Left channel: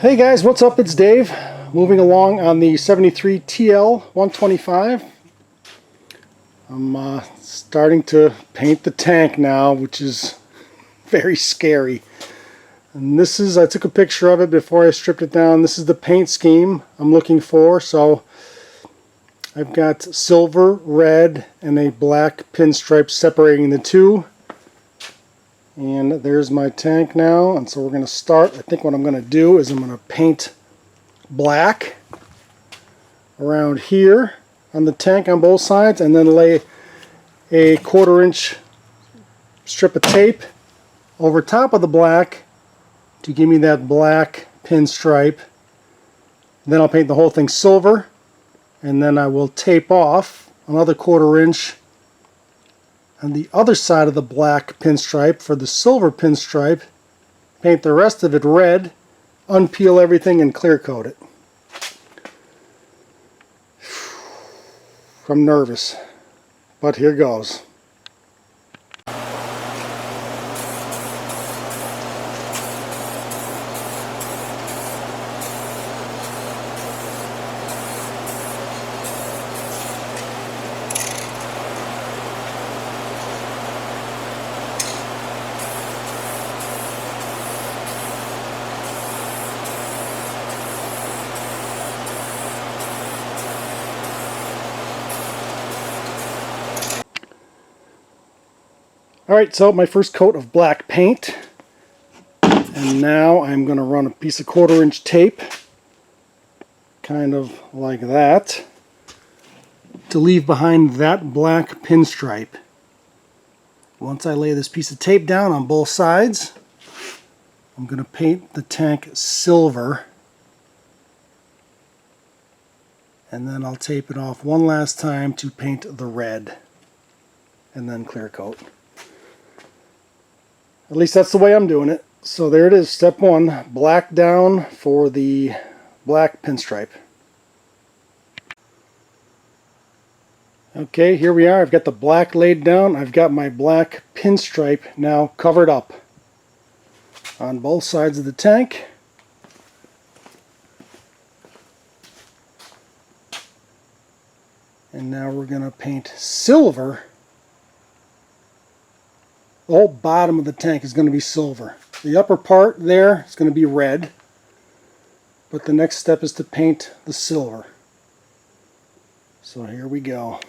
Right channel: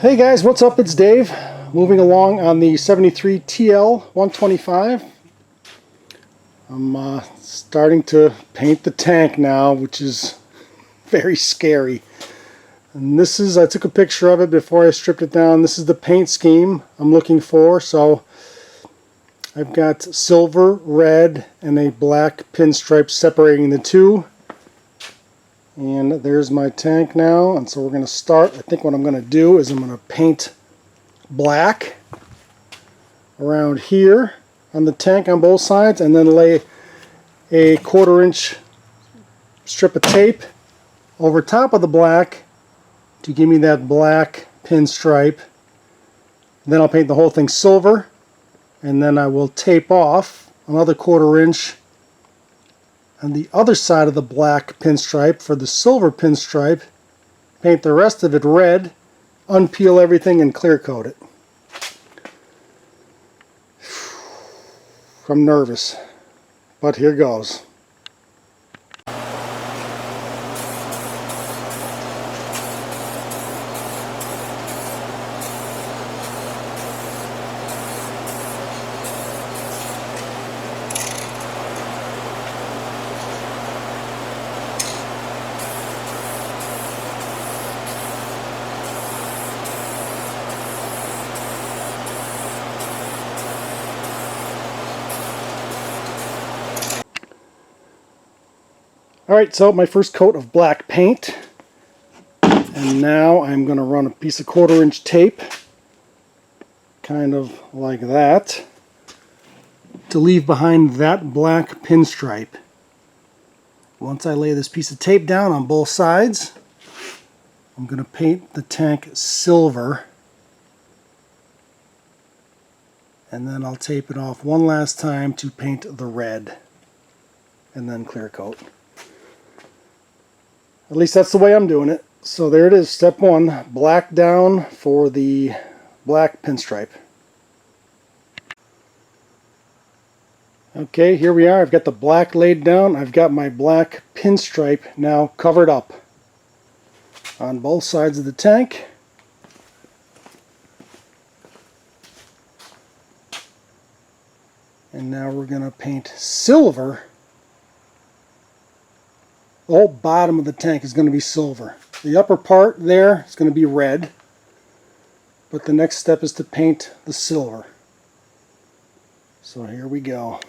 Hey guys, what's up? It's Dave. Moving along on the 73 TL 125. I'm starting to paint the tank now, which is very scary. And this is, I took a picture of it before I stripped it down. This is the paint scheme I'm looking for. So I've got silver, red, and a black pinstripe separating the two. And there's my tank now, and so we're going to start. I think what I'm going to do is I'm going to paint black around here on the tank on both sides, and then lay a 1/4 inch strip of tape over top of the black to give me that black pinstripe. Then I'll paint the whole thing silver, and then I will tape off another 1/4 inch on the other side of the black pinstripe for the silver pinstripe, paint the rest of it red, unpeel everything, and clear coat it. I'm nervous, but here goes. Alright, so my first coat of black paint, and now I'm going to run a piece of 1/4 inch tape, kind of like that, to leave behind that black pinstripe. Once I lay this piece of tape down on both sides, I'm going to paint the tank silver, and then I'll tape it off one last time to paint the red, and then clear coat. At least that's the way I'm doing it. So there it is, step one, black down for the black pinstripe. Okay, here we are. I've got the black laid down. I've got my black pinstripe now covered up on both sides of the tank. And now we're going to paint silver. The whole bottom of the tank is going to be silver. The upper part there is going to be red, but the next step is to paint the silver. So here we go.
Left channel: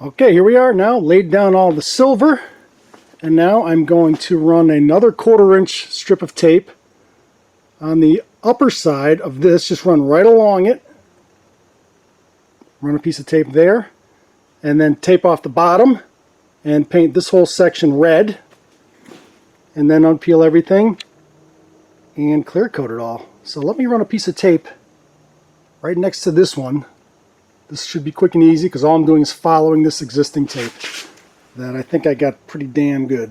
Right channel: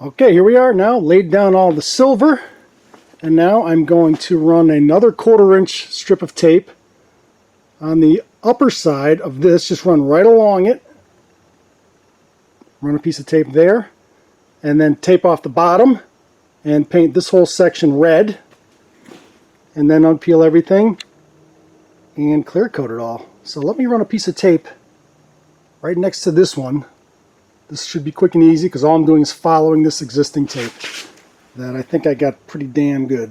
Okay, here we are now, laid down all the silver, and now I'm going to run another 1/4 inch strip of tape on the upper side of this, just run right along it, run a piece of tape there, and then tape off the bottom and paint this whole section red, and then unpeel everything and clear coat it all. So let me run a piece of tape right next to this one. This should be quick and easy because all I'm doing is following this existing tape that I think I got pretty damn good.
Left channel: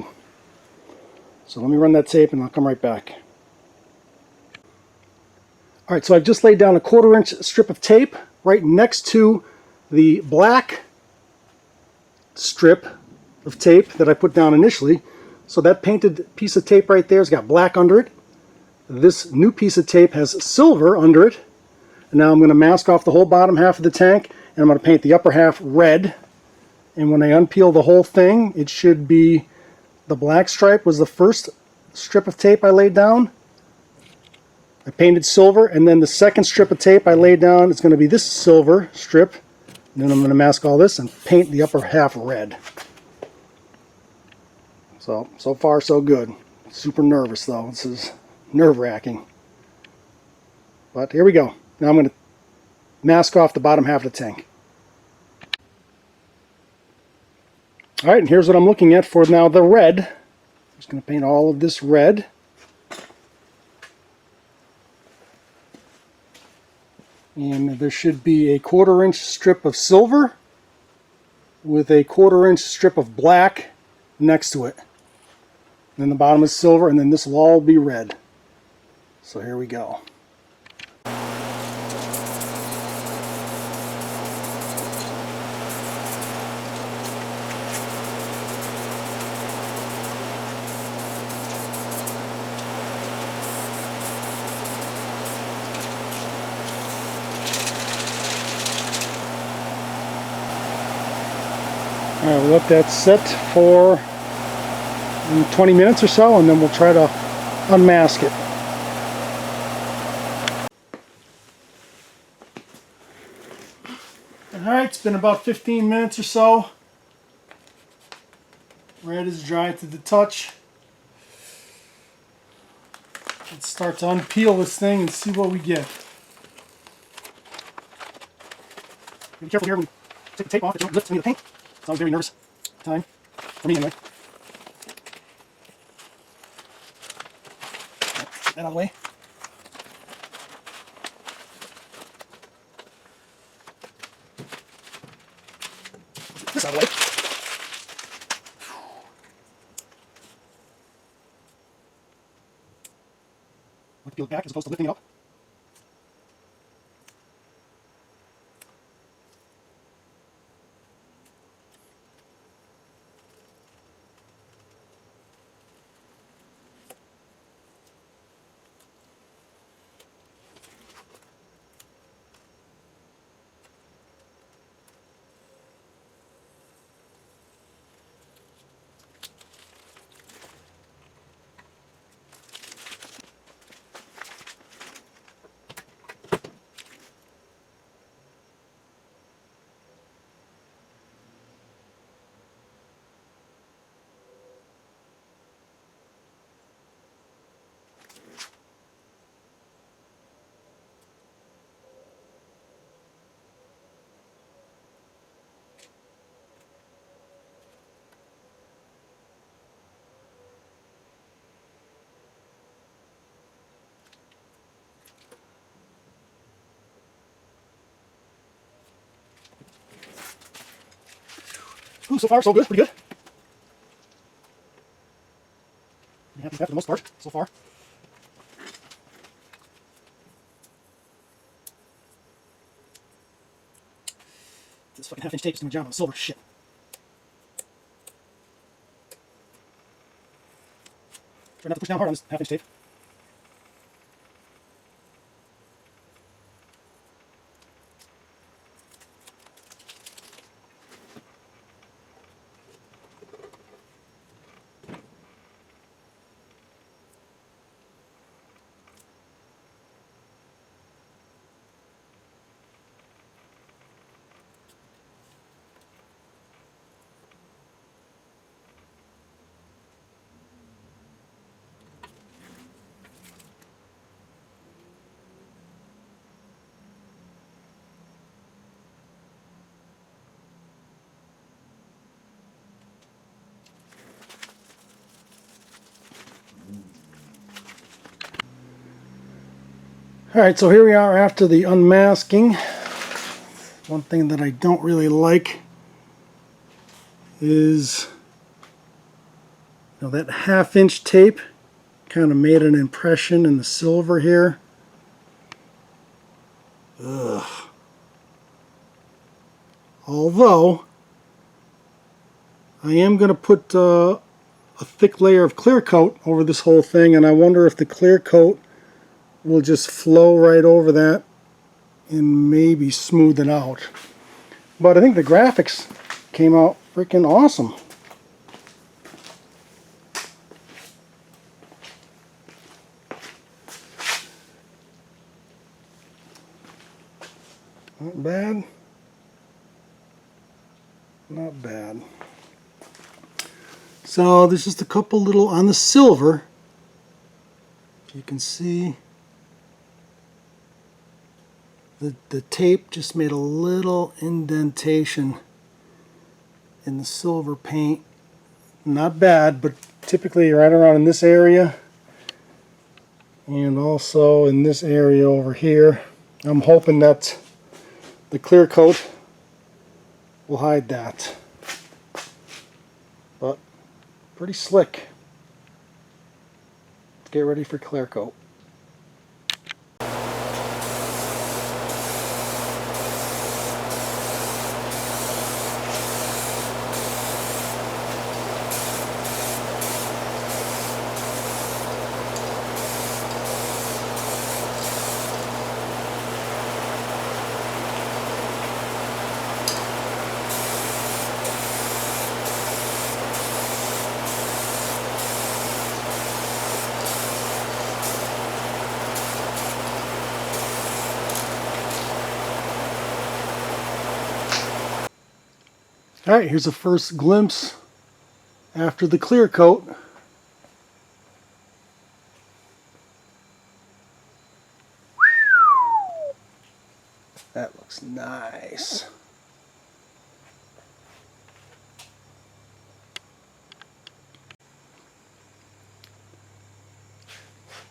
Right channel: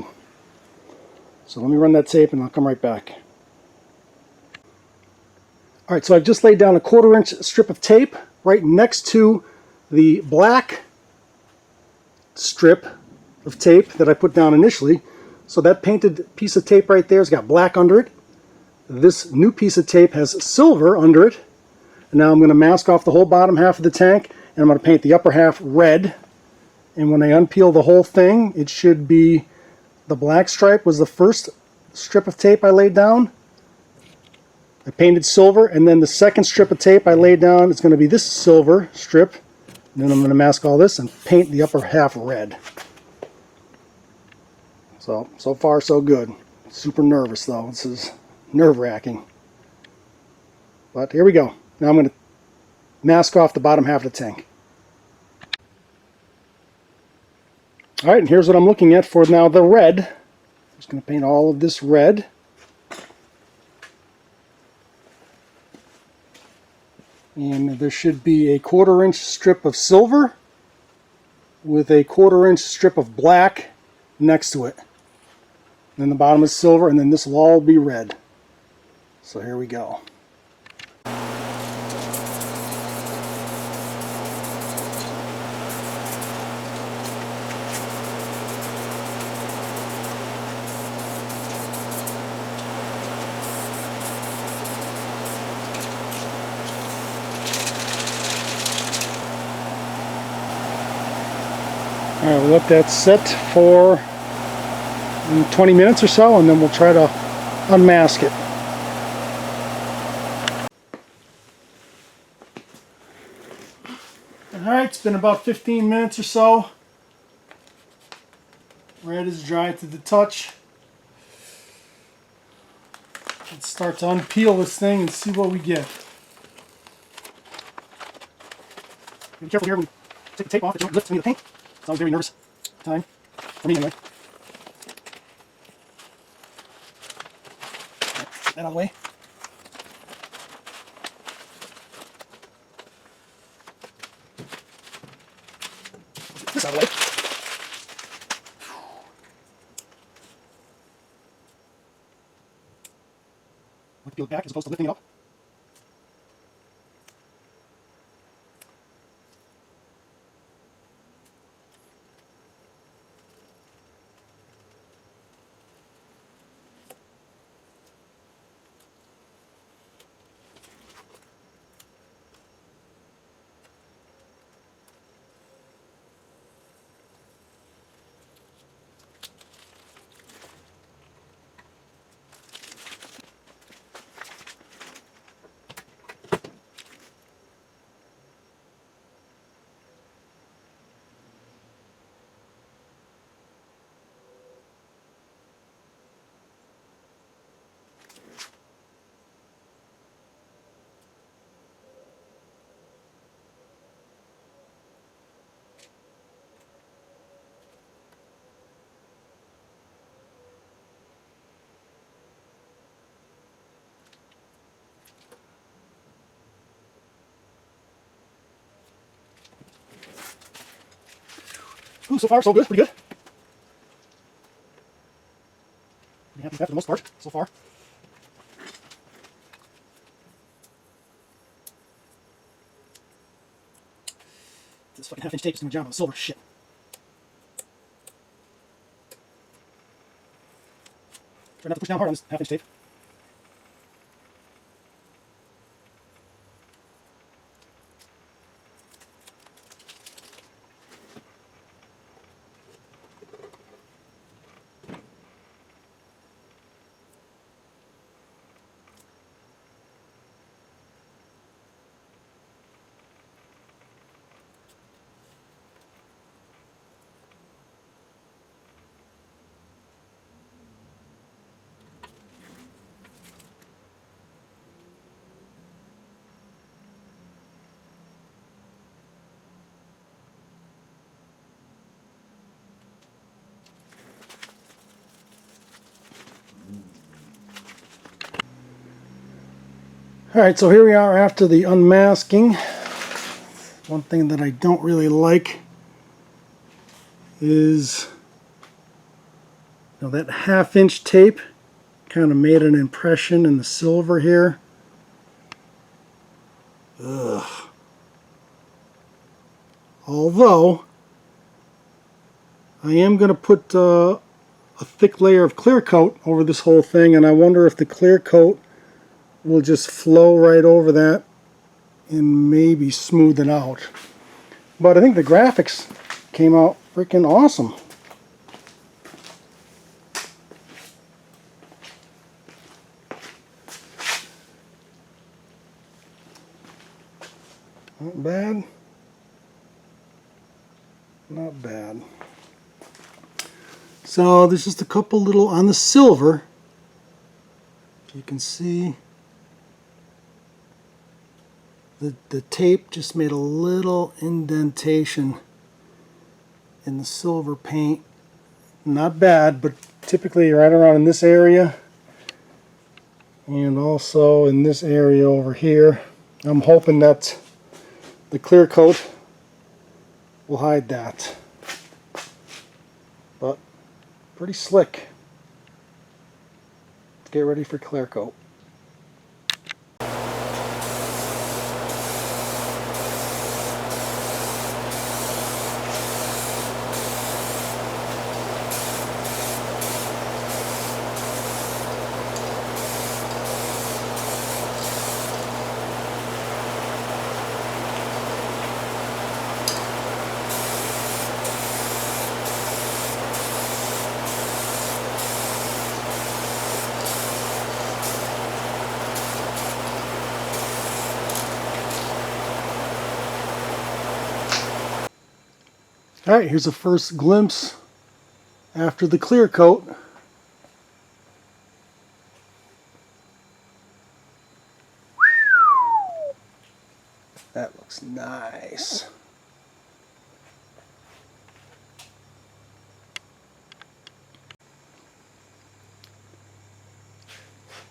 So let me run that tape and I'll come right back. Alright, so I've just laid down a 1/4 inch strip of tape right next to the black strip of tape that I put down initially. So that painted piece of tape right there has got black under it. This new piece of tape has silver under it. Now I'm going to mask off the whole bottom half of the tank, and I'm going to paint the upper half red. And when I unpeel the whole thing, it should be the black stripe was the first strip of tape I laid down. I painted silver, and then the second strip of tape I laid down is going to be this silver strip. And then I'm going to mask all this and paint the upper half red. So far so good. Super nervous though. This is nerve-wracking. But here we go. Now I'm going to mask off the bottom half of the tank. Alright, here's what I'm looking at for now the red. Just going to paint all of this red. And there should be a 1/4 inch strip of silver with a 1/4 inch strip of black next to it. And then the bottom is silver, and then this will all be red. So here we go. Alright, we'll let that sit for 20 minutes or so, and then we'll try to unmask it. Alright, it's been about 15 minutes or so. Red is dry to the touch. Let's start to unpeel this thing and see what we get. Be careful here when you take the tape off, it might lift me to paint. So I'm very nervous. Time. For me anyway. Get that out of the way. This out of the way. We can peel it back as opposed to lifting it up. Ooh, so far so good, pretty good. Yeah, for the most part, so far. This fucking 1/2 inch tape is doing a job of silver shit. Try not to push down hard on this 1/2 inch tape. Alright, so here we are after the unmasking. One thing that I don't really like is, that 1/2 inch tape kind of made an impression in the silver here. Ugh. Although, I am going to put a thick layer of clear coat over this whole thing, and I wonder if the clear coat will just flow right over that and maybe smooth it out. But I think the graphics came out freaking awesome. Not bad. Not bad. So there's just a couple little on the silver. You can see the tape just made a little indentation in the silver paint. Not bad, but typically right around in this area and also in this area over here. I'm hoping that the clear coat will hide that. But pretty slick. Let's get ready for clear coat. Alright, here's a first glimpse after the clear coat. That looks nice.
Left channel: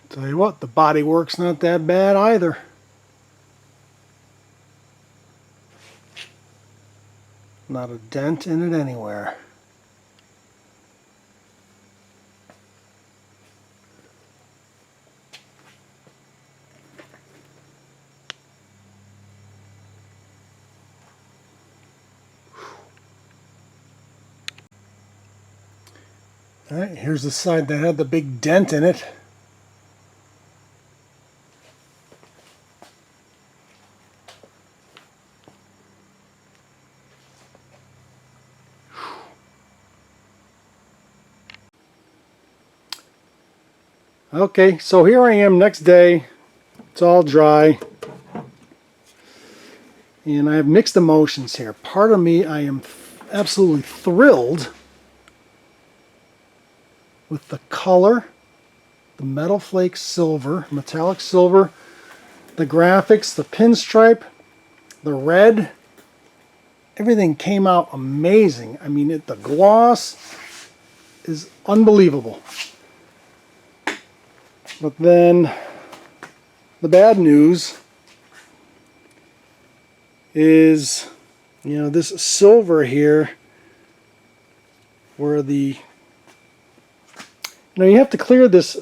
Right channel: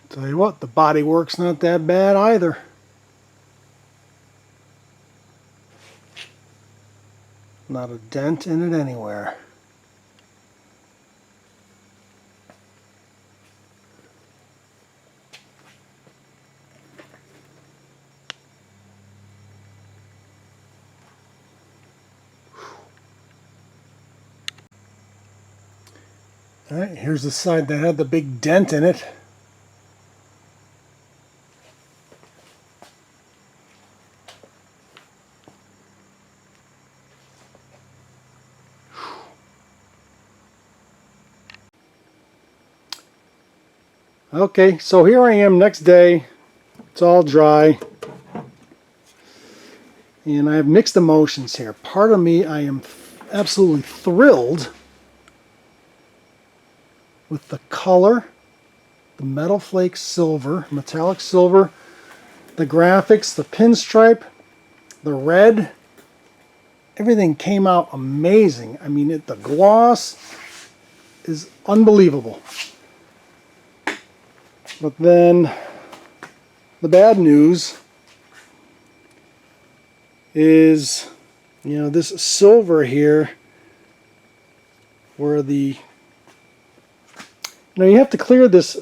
Tell you what, the bodywork's not that bad either. Not a dent in it anywhere. Alright, here's the side that had the big dent in it. Okay, so here I am next day. It's all dry. And I have mixed emotions here. Part of me, I am absolutely thrilled with the color, the metal flake silver, metallic silver, the graphics, the pinstripe, the red. Everything came out amazing. I mean, the gloss is unbelievable. But then the bad news is, you know, this silver here, where the, you have to clear this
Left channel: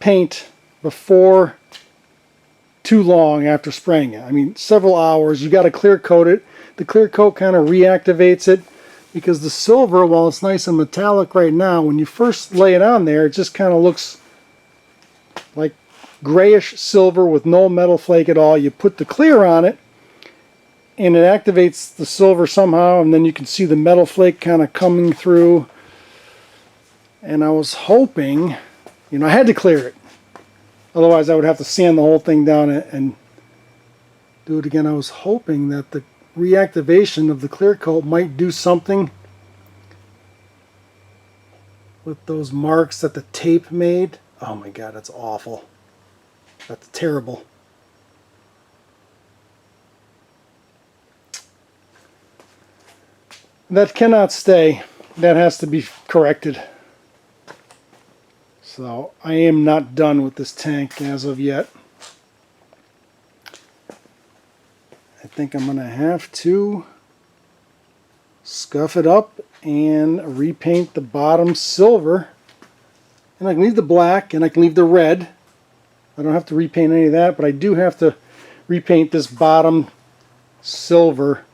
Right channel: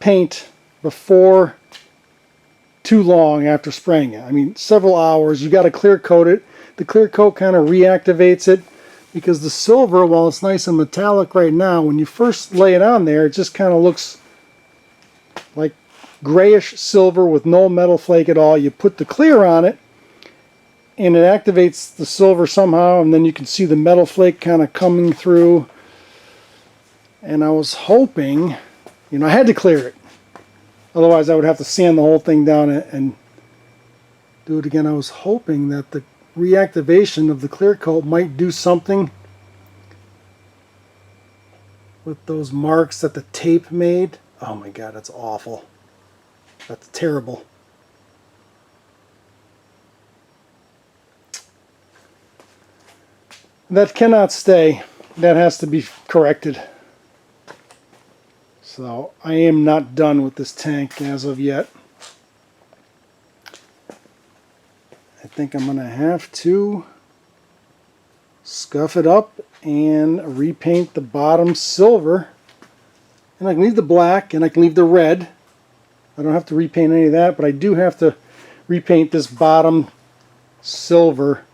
paint before too long after spraying it. I mean, several hours. You got to clear coat it. The clear coat kind of reactivates it, because the silver, while it's nice and metallic right now, when you first lay it on there, it just kind of looks like grayish silver with no metal flake at all. You put the clear on it and it activates the silver somehow, and then you can see the metal flake kind of coming through. And I was hoping, you know, I had to clear it, otherwise I would have to sand the whole thing down and do it again. I was hoping that the reactivation of the clear coat might do something with those marks that the tape made. Oh my god, that's awful. That's terrible. That cannot stay. That has to be corrected. So I am not done with this tank as of yet. I think I'm going to have to scuff it up and repaint the bottom silver. And I can leave the black and I can leave the red. I don't have to repaint any of that, but I do have to repaint this bottom silver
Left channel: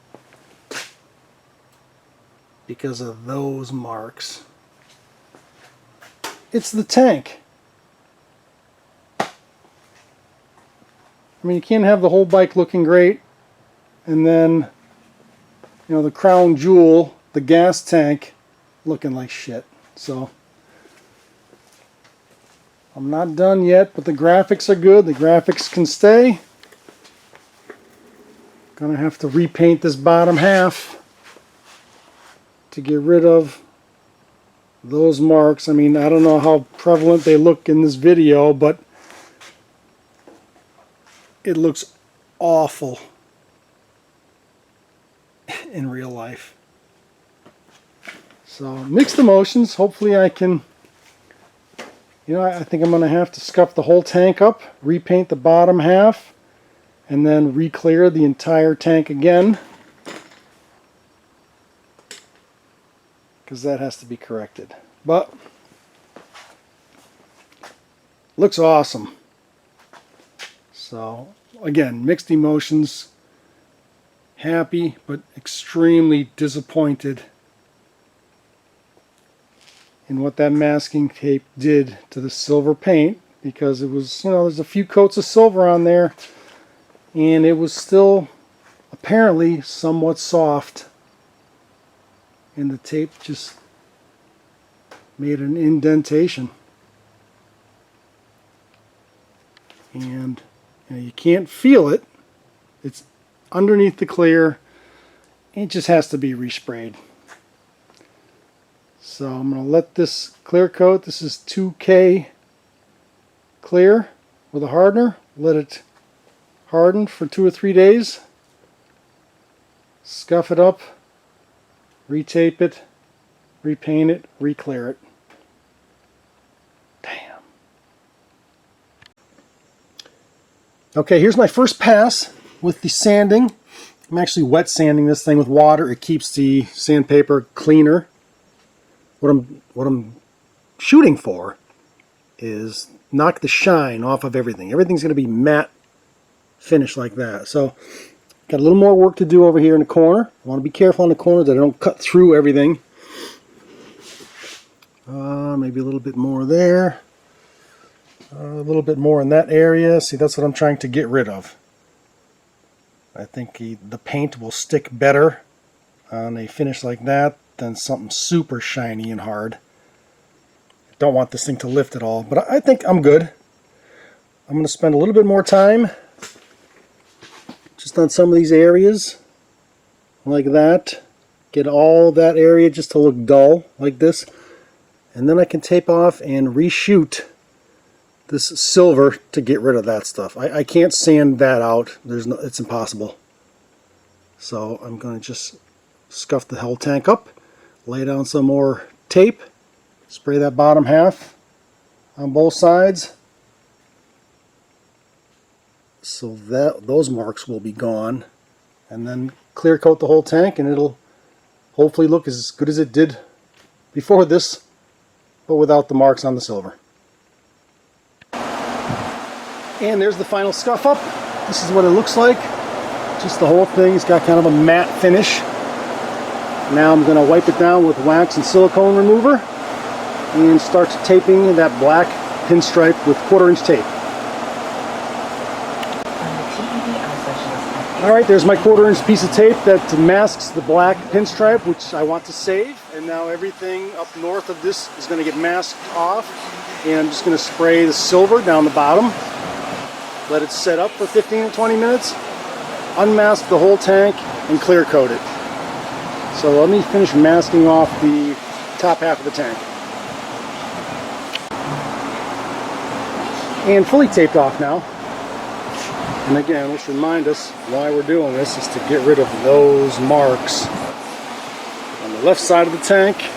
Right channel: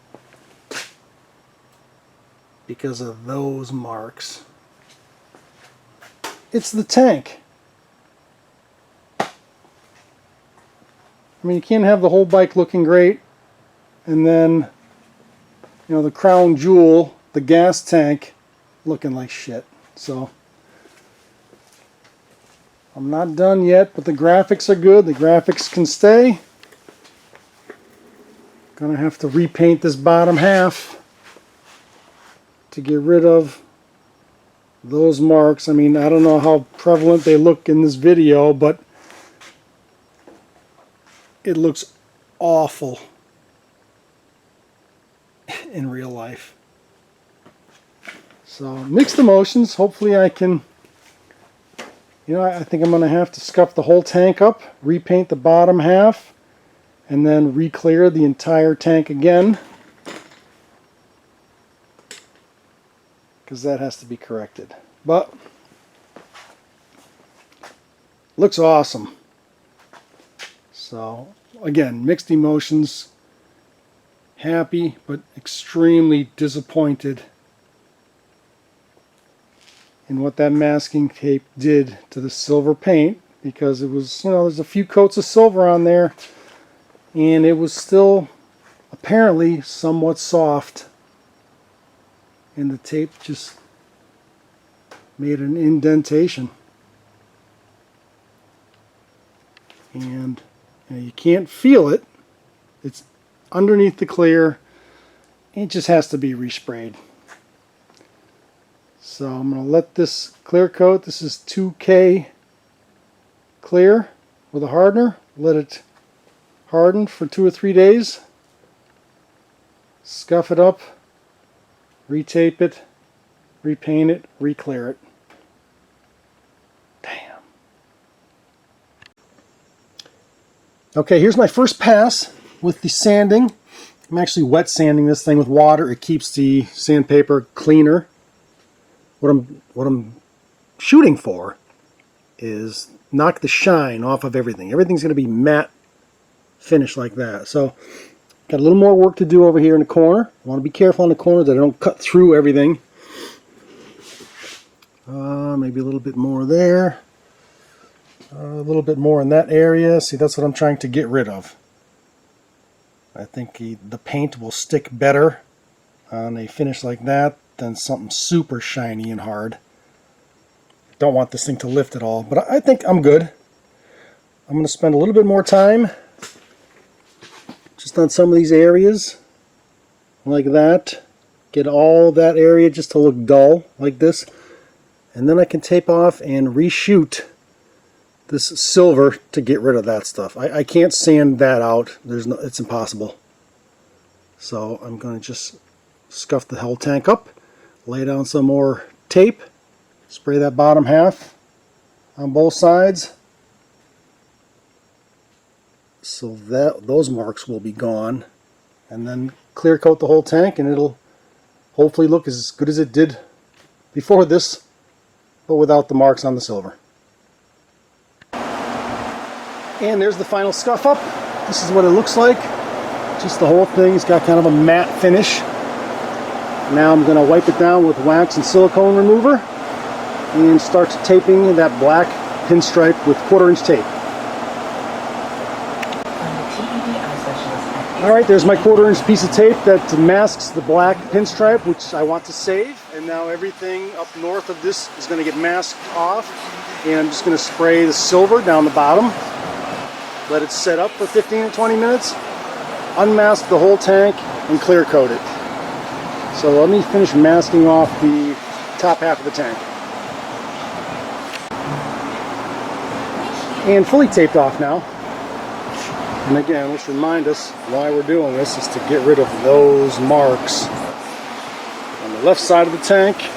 because of those marks. It's the tank. I mean, you can't have the whole bike looking great and then, you know, the crown jewel, the gas tank, looking like shit. So I'm not done yet, but the graphics are good. The graphics can stay. Gonna have to repaint this bottom half to get rid of those marks. I mean, I don't know how prevalent they look in this video, but it looks awful in real life. So mixed emotions. Hopefully I can, you know, I think I'm going to have to scuff the whole tank up, repaint the bottom half, and then re-clear the entire tank again, because that has to be corrected. But looks awesome. So again, mixed emotions. Happy but extremely disappointed in what that masking tape did to the silver paint, because it was, you know, there's a few coats of silver on there and it was still apparently somewhat soft, and the tape just made an indentation. And you can't feel it. It's underneath the clear. It just has to be resprayed. So I'm going to let this clear coat. This is 2K clear with a hardener. Let it harden for 2 or 3 days. Scuff it up. Retape it. Repaint it. Re-clear it. Damn. Okay, here's my first pass with the sanding. I'm actually wet sanding this thing with water. It keeps the sandpaper cleaner. What I'm shooting for is knock the shine off of everything. Everything's going to be matte finish like that. So got a little more work to do over here in the corner. I want to be careful on the corners that I don't cut through everything. Maybe a little bit more there. A little bit more in that area. See, that's what I'm trying to get rid of. I think the paint will stick better on a finish like that than something super shiny and hard. Don't want this thing to lift at all, but I think I'm good. I'm going to spend a little bit more time just on some of these areas like that. Get all that area just to look dull like this, and then I can tape off and reshoot this silver to get rid of that stuff. I can't sand that out. It's impossible. So I'm going to just scuff the whole tank up, lay down some more tape, spray that bottom half on both sides, so that those marks will be gone, and then clear coat the whole tank, and it'll hopefully look as good as it did before this, but without the marks on the silver. And there's the final scuff up. This is what it looks like. Just the whole thing's got kind of a matte finish. Now I'm going to wipe it down with wax and silicone remover, and then start taping that black pinstripe with 1/4 inch tape. Alright, there's my 1/4 inch piece of tape that masks the black pinstripe, which I want to save. And now everything up north of this is going to get masked off. And I'm just going to spray the silver down the bottom. Let it set up for 15 to 20 minutes. Unmask the whole tank and clear coat it. So let me finish masking off the top half of the tank. And fully taped off now. And again, let's remind us why we're doing this is to get rid of those marks on the left side of the tank.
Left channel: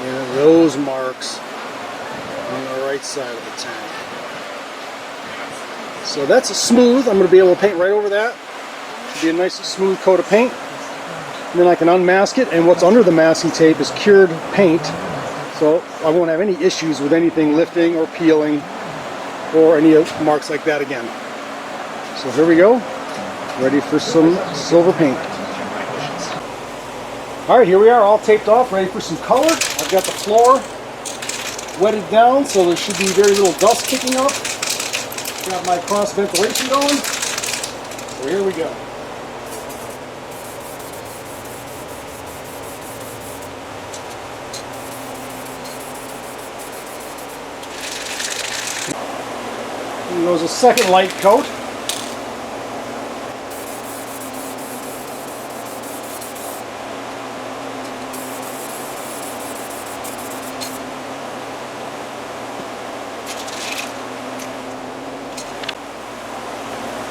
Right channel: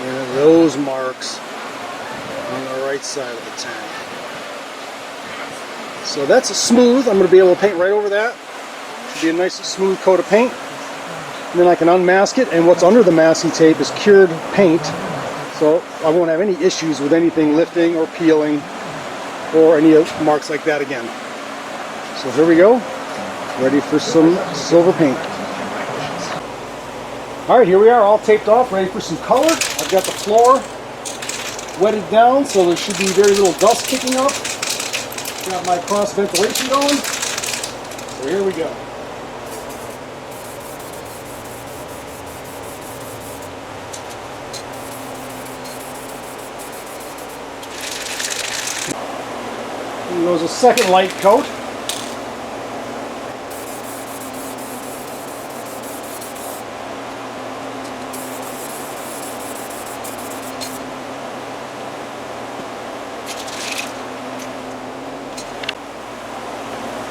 And those marks on the right side of the tank. So that's a smooth. I'm going to be able to paint right over that. It'll be a nice smooth coat of paint. And then I can unmask it. And what's under the masking tape is cured paint. So I won't have any issues with anything lifting or peeling or any marks like that again. So here we go. Ready for some silver paint. Alright, here we are, all taped off, ready for some color. I've got the floor wetted down, so there should be very little dust kicking up. Got my cross ventilation going. So there we go. And goes a second light coat.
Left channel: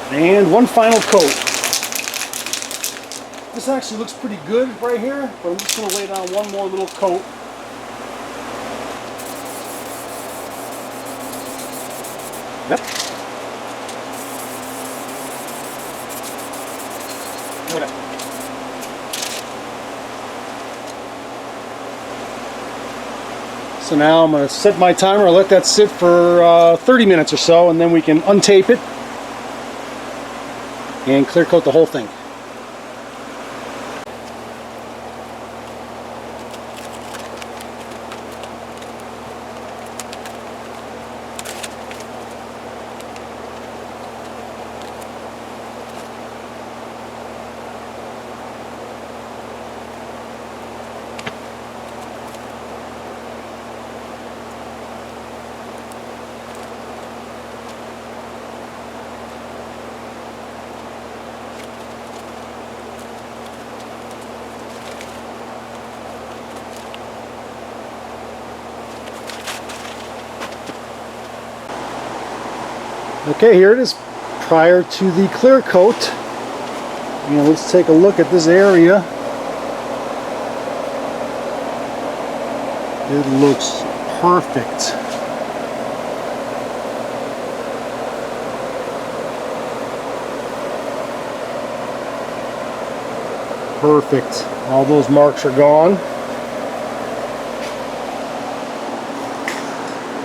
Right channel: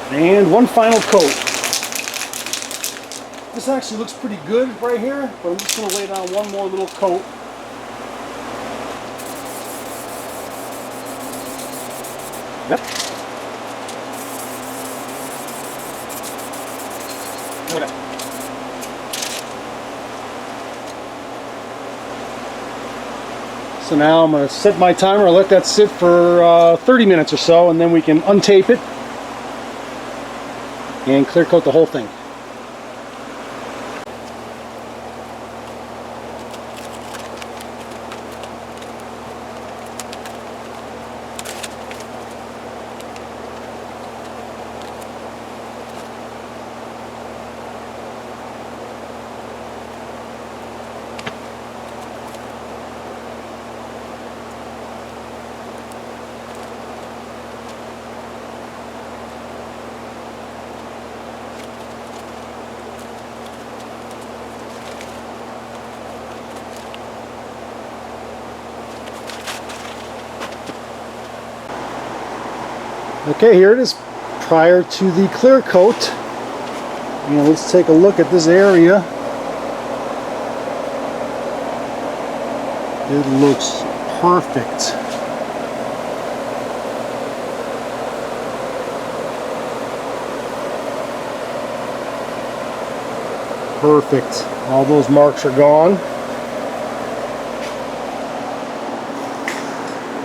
And one final coat. This actually looks pretty good right here, but I'm just going to lay down one more little coat. Yep. So now I'm going to sit my timer, let that sit for 30 minutes or so, and then we can untape it and clear coat the whole thing. Okay, here it is prior to the clear coat. And let's take a look at this area. It looks perfect. Perfect. All those marks are gone.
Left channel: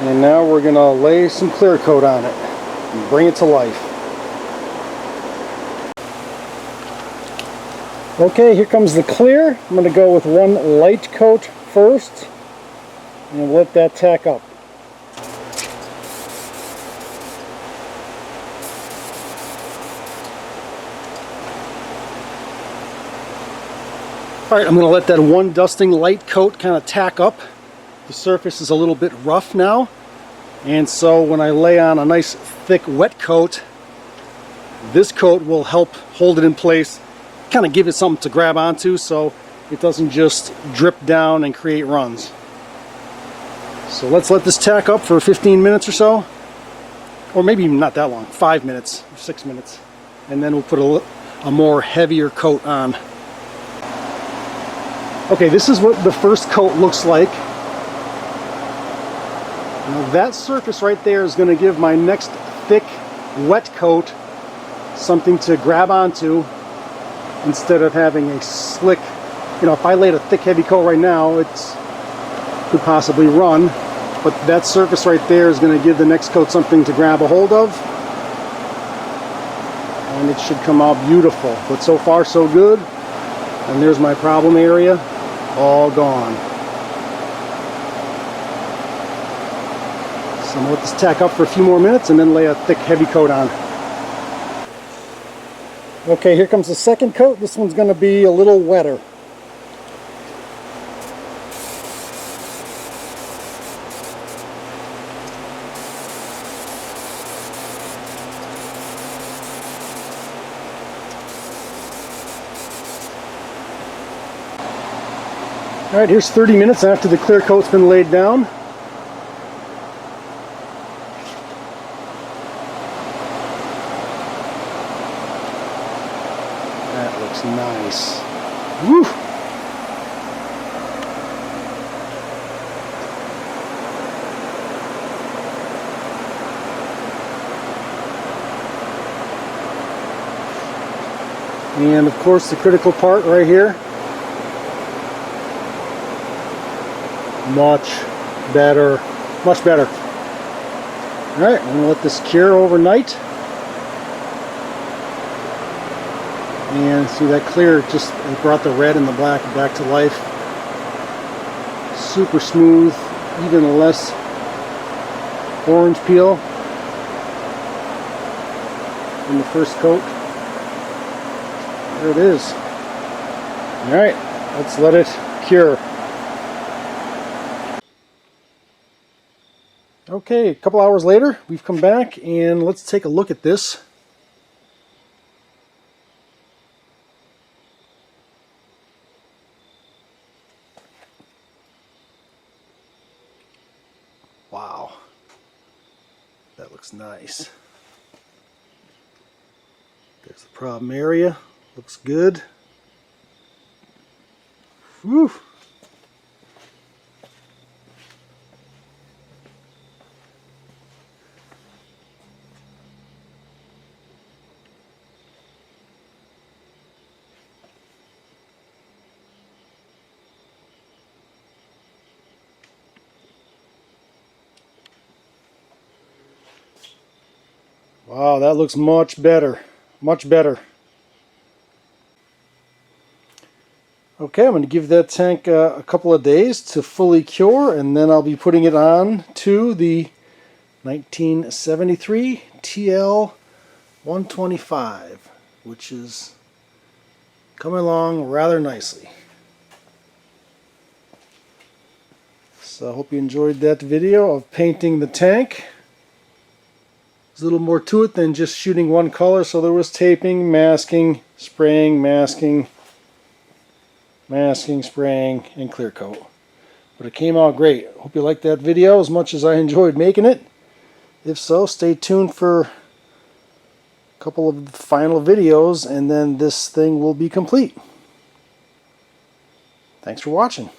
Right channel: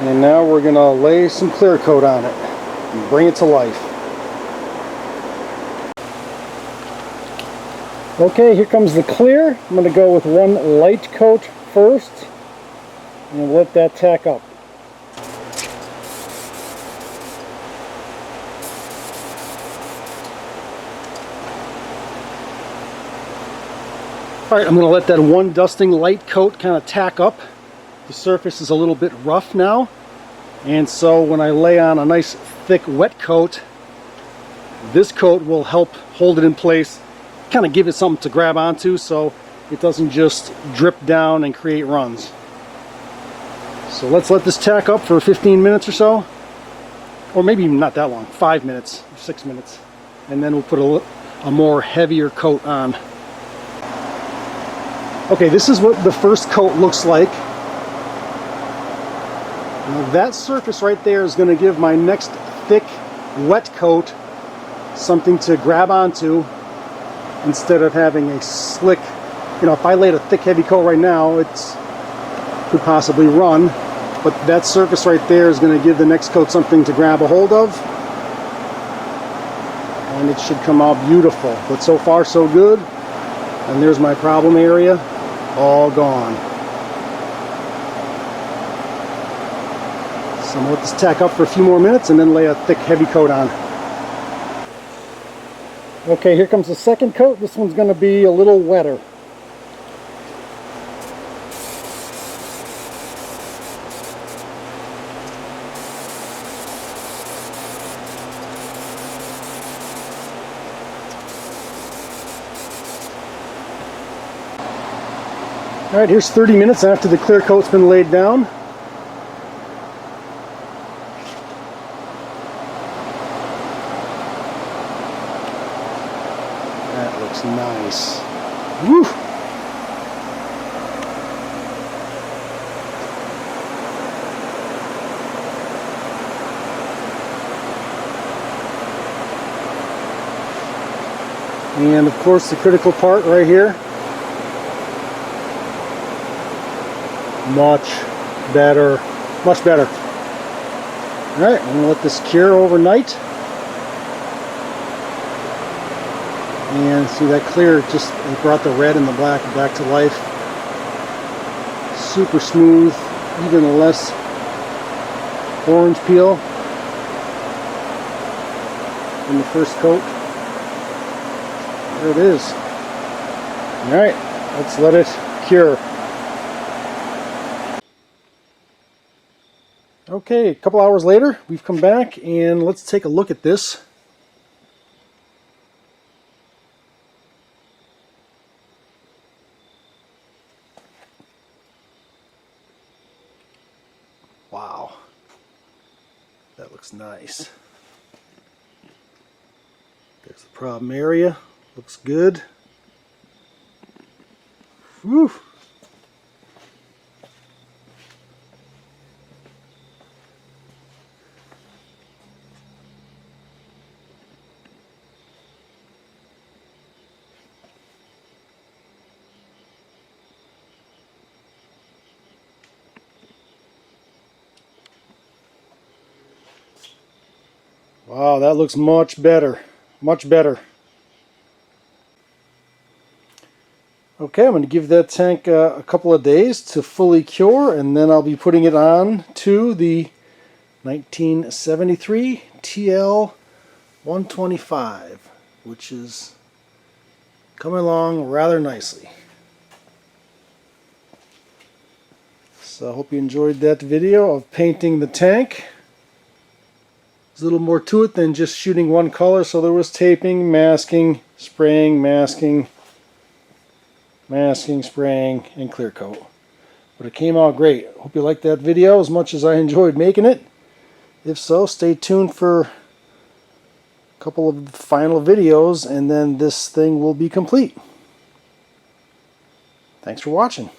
And now we're going to lay some clear coat on it and bring it to life. Okay, here comes the clear. I'm going to go with one light coat first and let that tack up. Alright, I'm going to let that one dusting light coat kind of tack up. The surface is a little bit rough now, and so when I lay on a nice thick wet coat, this coat will help hold it in place, kind of give it something to grab onto so it doesn't just drip down and create runs. So let's let this tack up for 15 minutes or so. Well, maybe even not that long, 5 minutes, 6 minutes. And then we'll put a more heavier coat on. Okay, this is what the first coat looks like. Now that surface right there is going to give my next thick, wet coat something to grab onto instead of having a slick, if I laid a thick, heavy coat right now, it could possibly run. But that surface right there is going to give the next coat something to grab a hold of. And it should come out beautiful. But so far, so good. And there's my problem area, all gone. So let's tack up for a few more minutes and then lay a thick, heavy coat on. Okay, here comes the second coat. This one's going to be a little wetter. All right, here's 30 minutes after the clear coat's been laid down. That looks nice. Woo! And of course the critical part right here. Much better. Alright, I'll let this cure overnight. And so that clear just got the red and the black back to life. Super smooth, even less orange peel than the first coat. There it is. Alright, let's let it cure. Okay, a couple hours later, we've come back and let's take a look at this. Wow, that looks nice. There's the problem area, looks good. Woo! Wow, that looks much better. Much better. Okay, I'm going to give that tank a couple of days to fully cure, and then I'll be putting it on to the 1973 TL 125, which is coming along rather nicely. So I hope you enjoyed that video of painting the tank. There's a little more to it than just shooting one color, so there was taping, masking, spraying, masking, spraying, and clear coat. But it came out great. Hope you liked that video as much as I enjoyed making it. If so, stay tuned for a couple of final videos, and then this thing will be complete. Thanks for watching.